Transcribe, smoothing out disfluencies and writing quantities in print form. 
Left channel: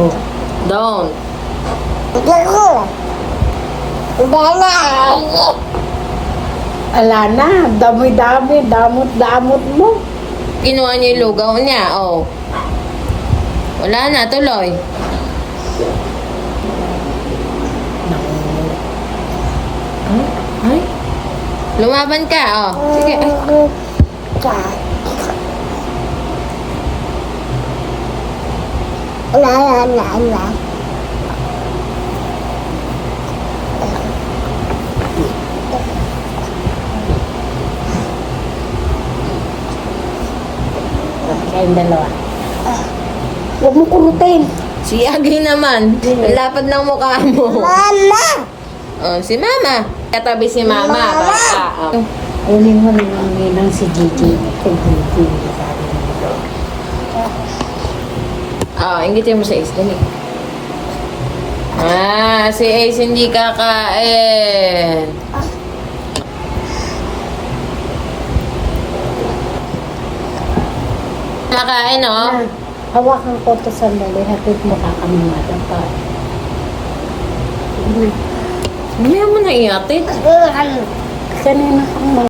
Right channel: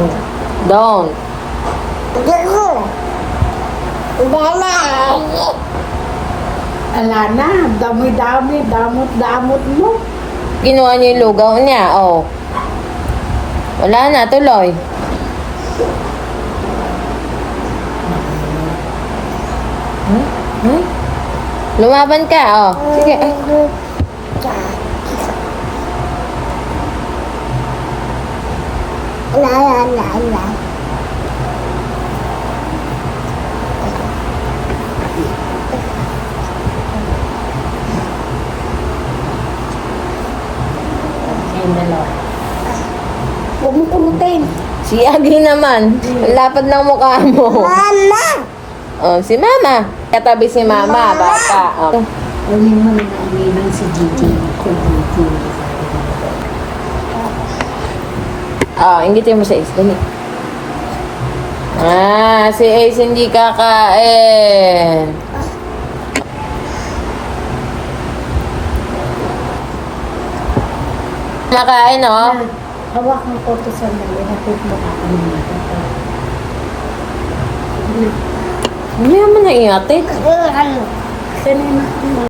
Oh. Don't. Ala na, dami-dami, damot-damot mo. Kinuha niya yung lugaw niya. Oh. Wala na, tuloy. Hmm? Lumaban ka, oh. Sige. Kayong dalawa. Huwag mo kurutin. Si Agri naman. Lapad ng mukha mo. Mama! Oh, si Mama. Katabi si Mama. Bata. Oh. Kunin mo naman ninang si Gigi. Kumpuliti. Sabi mo. Oh, ingitin mo sa Ace. Dali. Ah, si Ace hindi kakain. Makain, oh. Hawakan ko ito sandali. Hatid mo kakanin natin. Hindi mo na iate. Kanina ka na.